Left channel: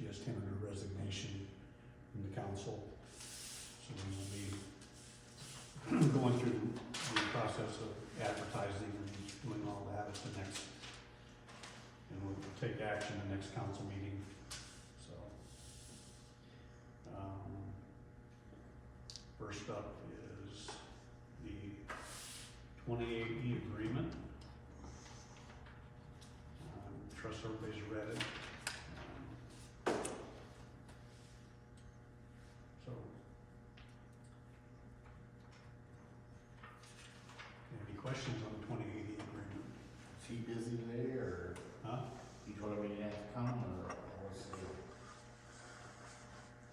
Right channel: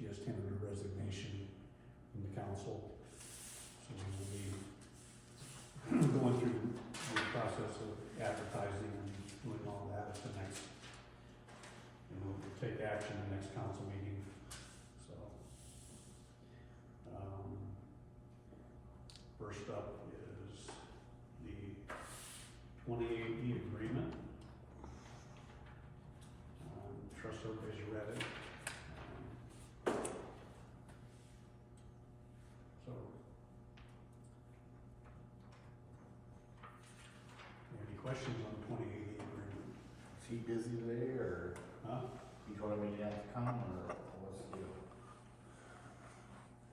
She has tendered her resignation from the council. So we will be going through the process of advertising and doing all that at the next, and we'll take action the next council meeting, so. First up is the 28E agreement. Trust everybody's read it. So, any questions on the 28E agreement? Is he busy today, or Huh? he told him he didn't have to come, or what's the deal?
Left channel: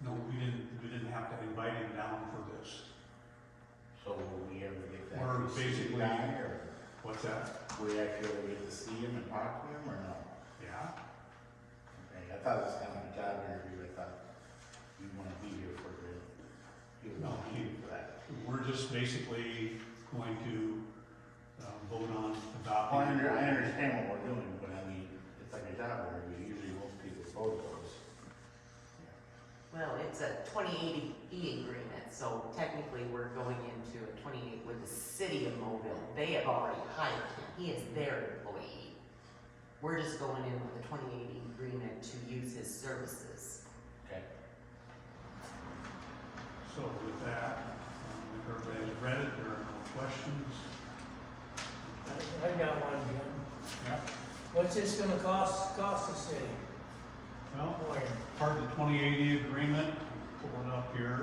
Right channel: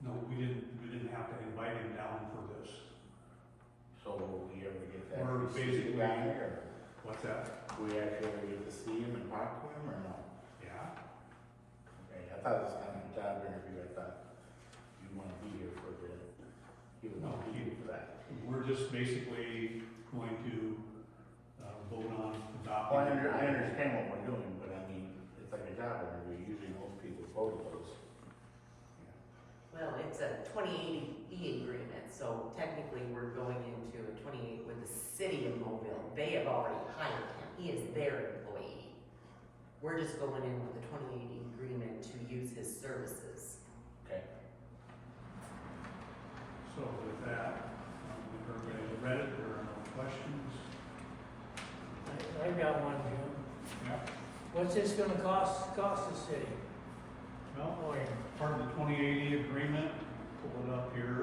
No, we didn't have to invite him down for this. So will we ever get that? Or to see basically- the guy, or What's that? do we actually ever get to see him and talk to him, or no? Yeah. Okay, I thought it was kind of a job interview, I thought you want to be here for the, he was No, not here for that. We're just basically going to vote on adopting. Well, I understand what we're doing, but I mean, it's like a job interview, usually most people vote those. Well, it's a 2080E agreement, so technically we're going into a 28 with the city of Mobile. They have already hired him. He is their employee. We're just going in with the 2080 agreement to use his services. Okay. So with that, if everybody's read it, there are no questions. I've got one here. Yeah. What's this gonna cost the city? Well, part of the 2080 agreement, pull it up here.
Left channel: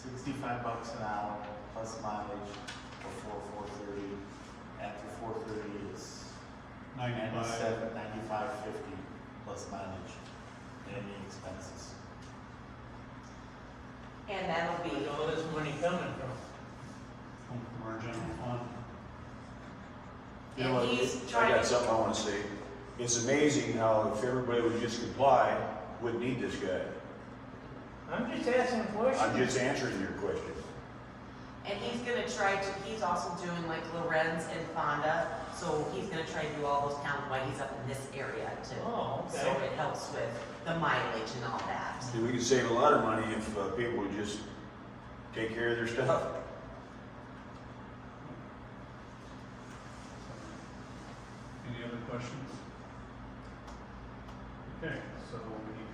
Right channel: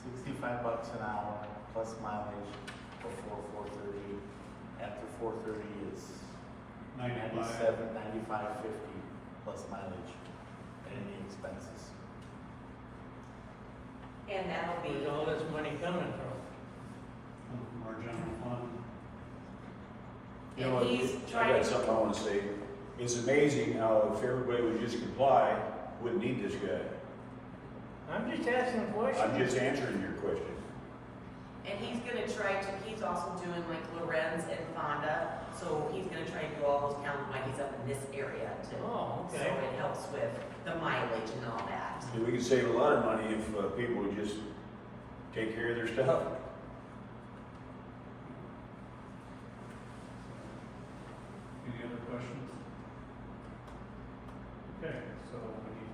$65 an hour plus mileage before 4:30. After 4:30 it's 95. 95.50 plus mileage and any expenses. And that'll be, Where's all this money coming from? Come from our general fund. You know, and he's I trying got to, something I wanna say. It's amazing how if everybody would just comply, wouldn't need this guy. I'm just asking a question. I'm just answering your question. and he's gonna try to, he's also doing like Lorenz and Fonda, so he's gonna try to do all those counts while he's up in this area too. Oh, okay. So it helps with the mileage and all that. See, we could save a lot of money if people would just take care of their stuff. Any other questions? Okay, so we need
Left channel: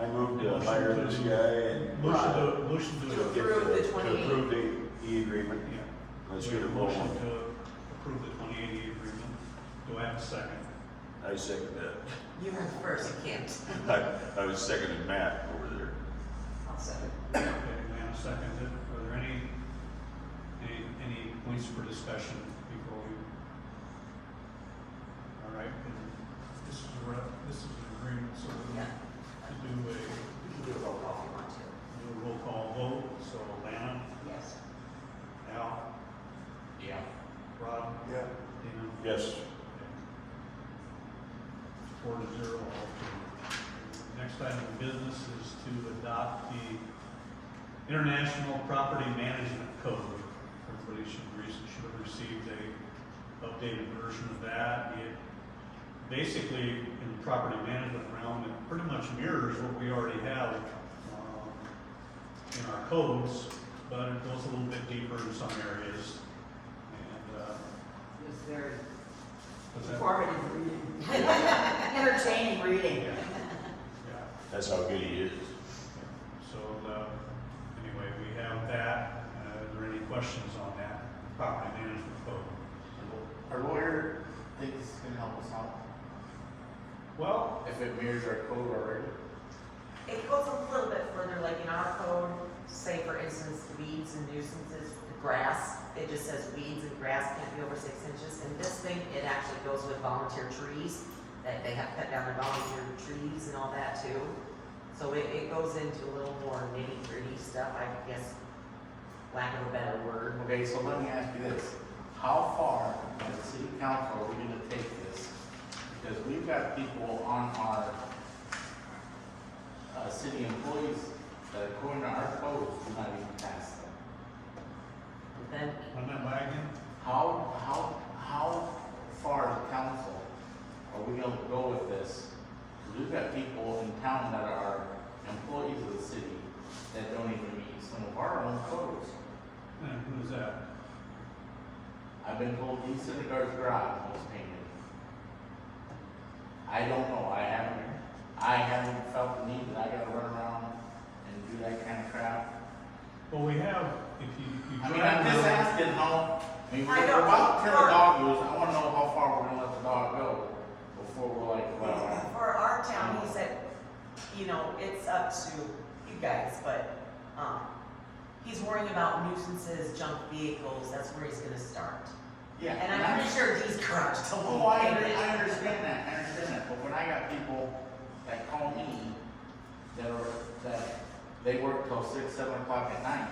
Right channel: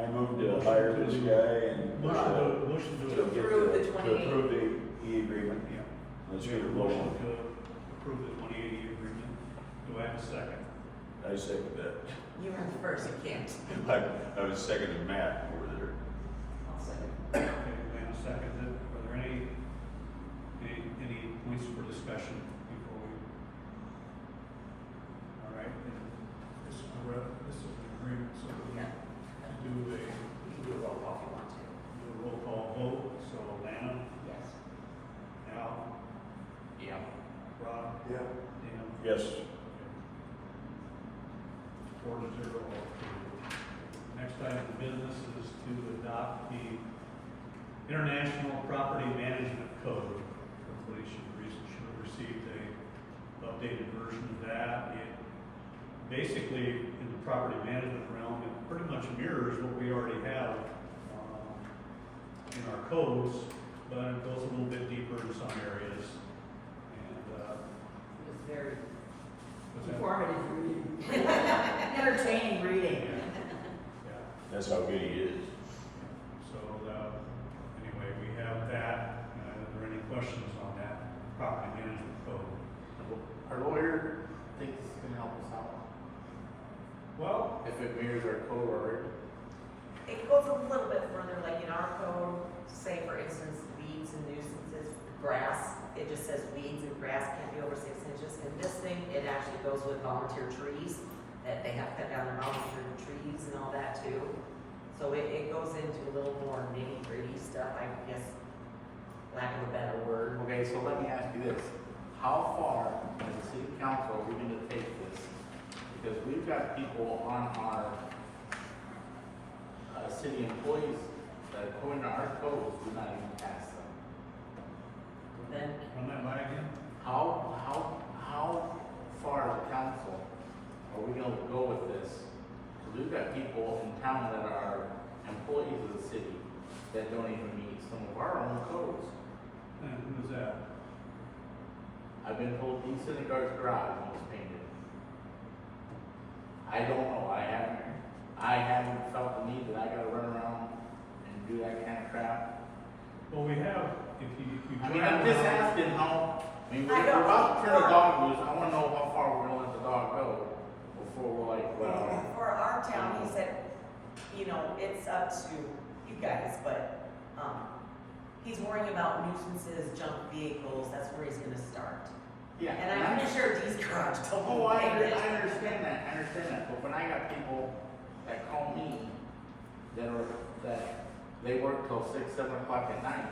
I moved to hire this guy and a motion to to get Approve the to 28. approve the E-agreement. Yeah. Let's We get have it a motion rolling. to approve the 2080 agreement. Do I have a second? I second that. You were the first, you can't. I was seconding Matt over there. Awesome. Okay, Lana seconded. Are there any points for discussion before we? All right, and this is an agreement, so we're Yeah. gonna do You can do a roll call if you want to. a roll call vote. So Lana, Yes. Al, Yeah. Rob, Yeah. Dana. Yes. 4-0. Next item of business is to adopt the International Property Management Code. Everybody should have received a updated version of that. It basically, in the property management realm, it pretty much mirrors what we already have in our codes, but it goes a little bit deeper in some areas. And, It was very was that- informative reading. Entertaining reading. Yeah. That's how good he is. So, anyway, we have that. Are there any questions on that property management code? Our lawyer thinks it's gonna help us out, Well, if it mirrors our code already. It goes a little bit further, like in our code, say for instance, weeds and nuisances, grass, it just says weeds and grass can't be over 6 inches. In this thing, it actually goes with volunteer trees, that they have cut down their volunteer trees and all that too. So it goes into a little more nitty gritty stuff, I guess, lack of a better word. Okay, so let me ask you this, how far as a city council are we gonna take this? Because we've got people on our, city employees that according to our codes, do not even pass them. Then, run that by again? How far as a council are we gonna go with this we've got people in town that are employees of the city that don't even meet some of our own codes. And who's that? I've been told Dean Syndergaard's garage needs painted. I don't know, I haven't felt the need that I gotta run around and do that kind of crap. Well, we have, if you I mean, drive I'm just around- asking how, I mean, I we're don't about to know. turn the dog loose, I wanna know how far we're gonna let the dog go before we're like, well, For our town, he said, you know, it's up to you guys, but, he's worrying about nuisances, junk vehicles, that's where he's gonna start. yeah. And I'm pretty sure these garages don't. Oh, I pay it. understand that, but when I got people that call me, that they work till 6, 7 o'clock at night,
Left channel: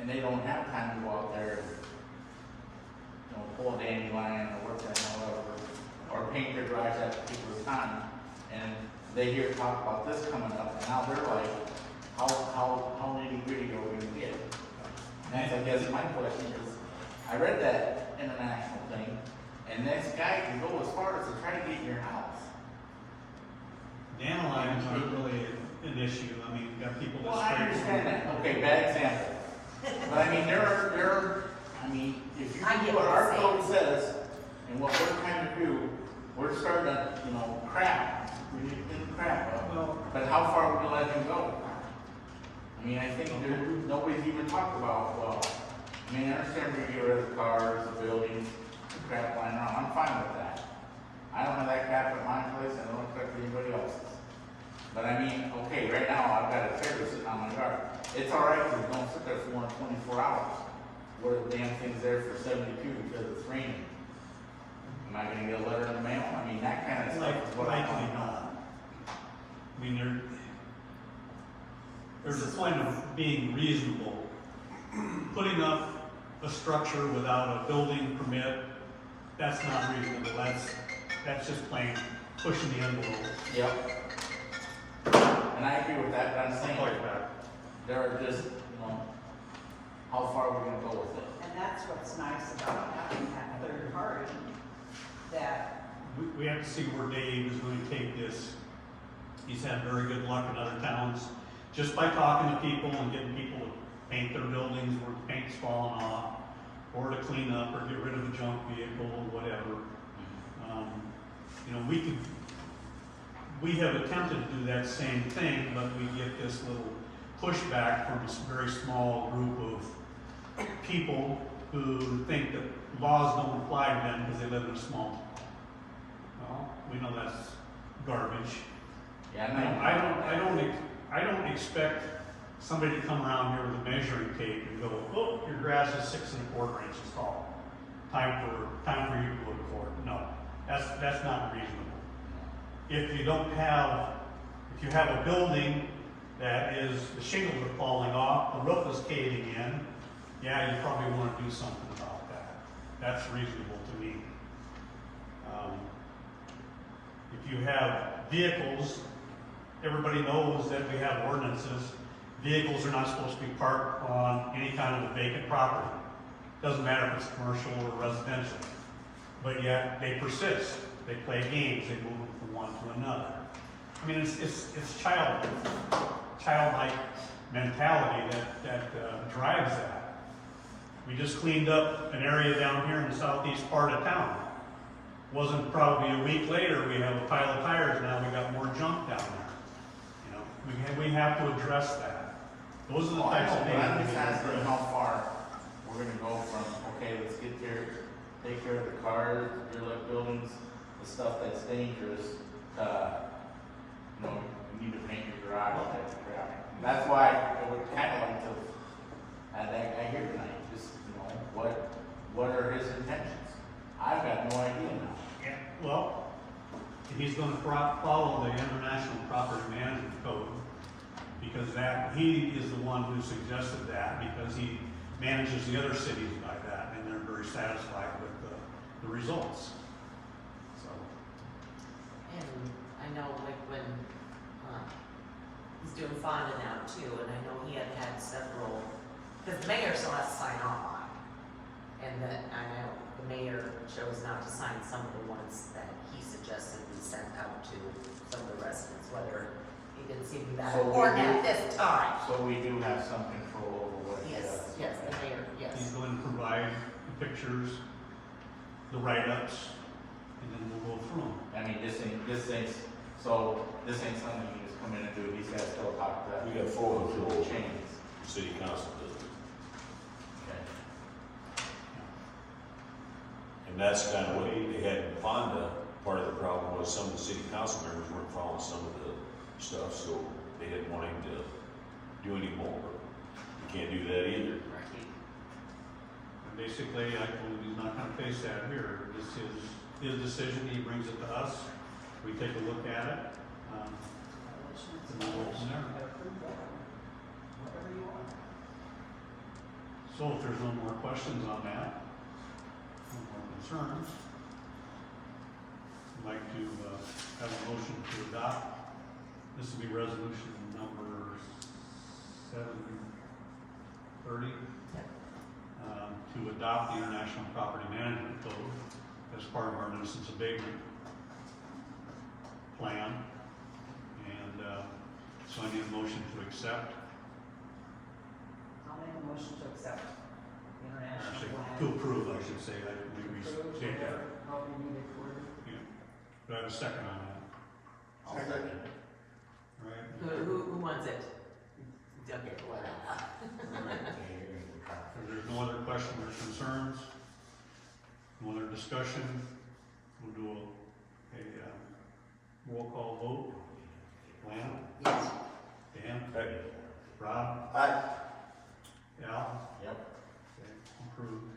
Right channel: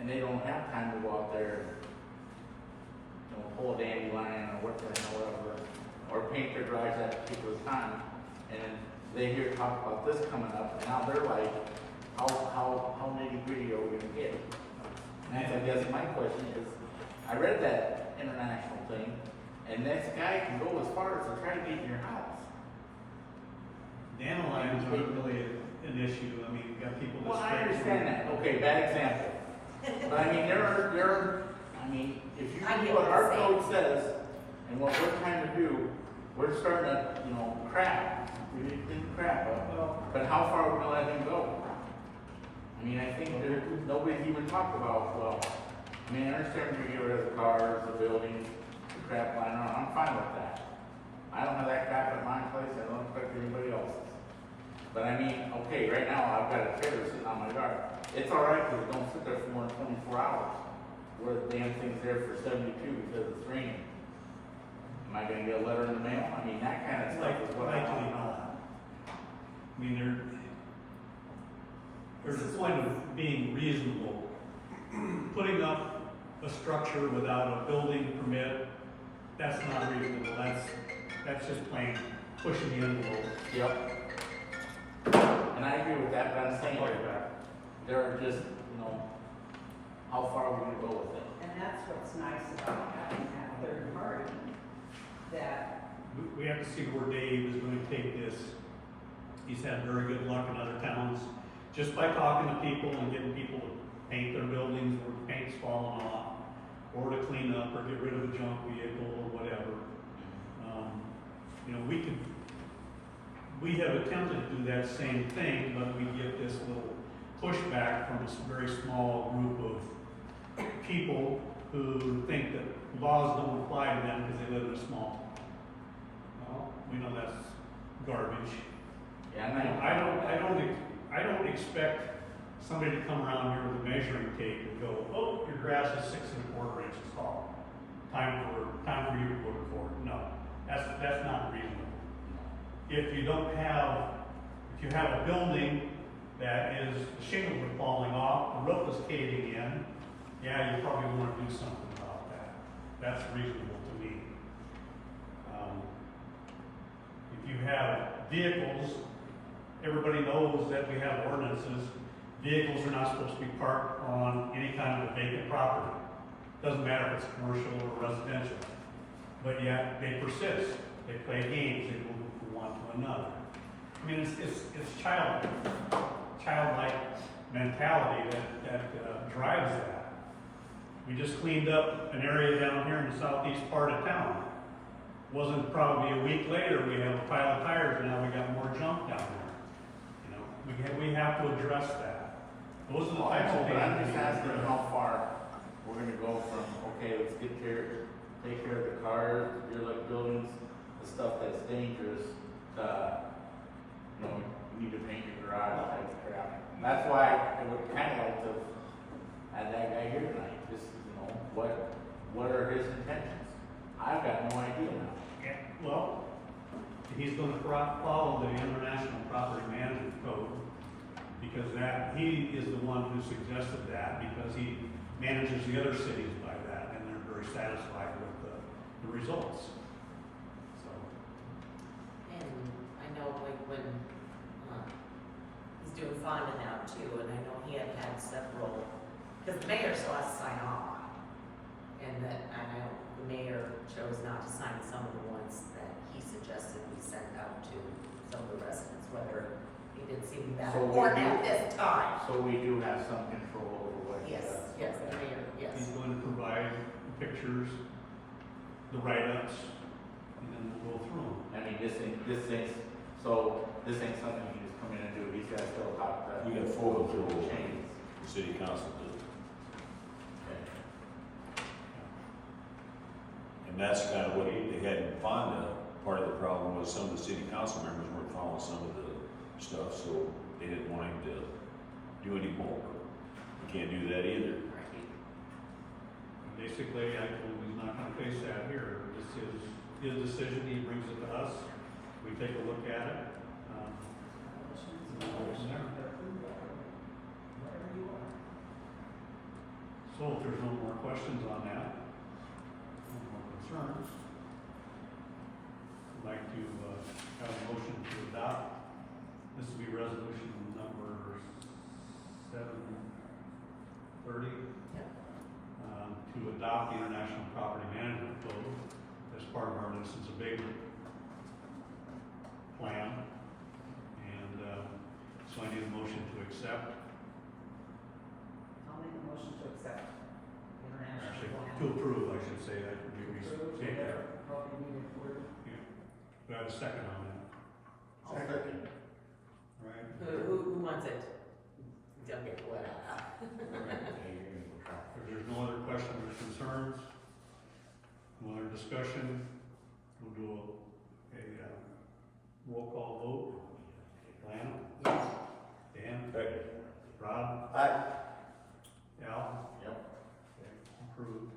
and they don't have time to go out there, you know, pull a dandelion or work there or whatever, or paint their garage at people's time, and they hear talk about this coming up, and now they're like, how nitty gritty are we gonna get? And that's, I guess, my question is, I read that international thing, and this guy can go as far as to try to get in your house. Dandelions aren't really an issue, I mean, you got people that. Well, I spray understand them. that, okay, bad example. But I mean, I mean, if you I do get what what our you're code saying. says, and what we're trying to do, we're starting to, you know, crap, we need to clean the crap up. Well, But how far are we gonna let him go? I mean, I think nobody's even talked about, well, I mean, I understand we get rid of the cars, the buildings, the crap lying around, I'm fine with that. I don't have that crap at my place, I don't expect anybody else's. But I mean, okay, right now, I've got a trailer sitting on my yard, it's alright, because it don't sit there for more than 24 hours. Where the damn thing's there for 72 because it's raining. Am I gonna get a letter in the mail? I mean, that kind of stuff is what I likely want to know. not. I mean, there's a point of being reasonable. Putting up a structure without a building permit, that's not reasonable, that's just plain pushing the envelope. Yep. And I agree with that, but I'm saying, there are just, you know, how far are we gonna go with it? And that's what's nice about having that third party, that, We have to see where Dave is going to take this. He's had very good luck in other towns, just by talking to people and getting people to paint their buildings where paint's falling off, or to clean up or get rid of a junk vehicle or whatever. You know, we have attempted to do that same thing, but we get this little pushback from this very small group of people who think that laws don't apply to them because they live in a small town. Well, we know that's garbage. Yeah, and I don't expect somebody to come around here with a measuring tape and go, oh, your grass is 6 1/4 inches tall. Time for you to go to court. No, that's not reasonable. If you have a building that is, the shingles are falling off, the roof is caving in, yeah, you probably want to do something about that. That's reasonable to me. If you have vehicles, everybody knows that we have ordinances. Vehicles are not supposed to be parked on any kind of a vacant property. Doesn't matter if it's commercial or residential. But yet, they persist. They play games, they move from one to another. I mean, it's childlike mentality that drives that. We just cleaned up an area down here in the southeast part of town. Wasn't probably a week later, we have a pile of tires, now we got more junk down there. You know, we have to address that. Those are the well, I types know, of but things. I'm we just need to asking address. how far we're gonna go from, okay, let's get there, take care of the cars, derelict buildings, the stuff that's dangerous, you know, you need to paint your garage, type of crap. And that's why I would kinda like to have that guy here tonight, just, you know, what are his intentions? I've got no idea now. Yeah, well, he's gonna follow the International Property Management Code, because he is the one who suggested that, because he manages the other cities by that, and they're very satisfied with the results. So, And I know like when, he's doing Fonda now too, and I know he had several, because the mayor still has to sign off on it. And that, I know the mayor chose not to sign some of the ones that he suggested we send out to So we or do- at this time. So we do have some control over what he Yes, does. yes, the mayor, yes. He's going to provide the pictures, the write-ups, and then we'll go through them. I mean, this ain't something you can just come in and do, he's gotta still talk to. We got full control. Chains. The city council does. Okay. And that's kind of what they had in Fonda. Part of the problem was some of the city council members weren't following some of the stuff, so they didn't want him to do any more. You can't do that either. And basically, I told him he's not gonna face that here. This is his decision, he brings it to us, we take a look at it. And we'll go from there. Whatever you want. So if there's no more questions on that, no more concerns, I'd like to have a motion to adopt. This will be resolution number 730. To adopt the International Property Management Code as part of our nuisance abatement plan. And so I need a motion to accept. I'll make a motion to accept the international Actually, plan. to approve, I should say, I can Approve, restate that. however you need it worded. Yeah. Do I have a second on that? I'll second. All right. Who wants it? Okay, well. If there's no other questions or concerns, no other discussion, we'll do a roll call vote. Lana? Yes. Dan? Right. Rob? Aye. Al? Yep. Okay, approved.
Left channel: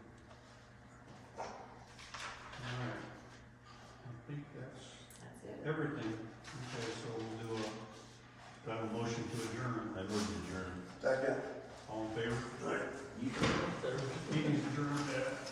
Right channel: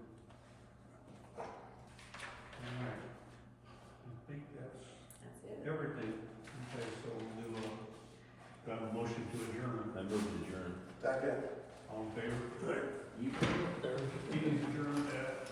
Alright. I think that's That's it. everything. Okay, so we'll do I have a motion to adjourn. I moved to adjourn. All in favor? Meeting's adjourned at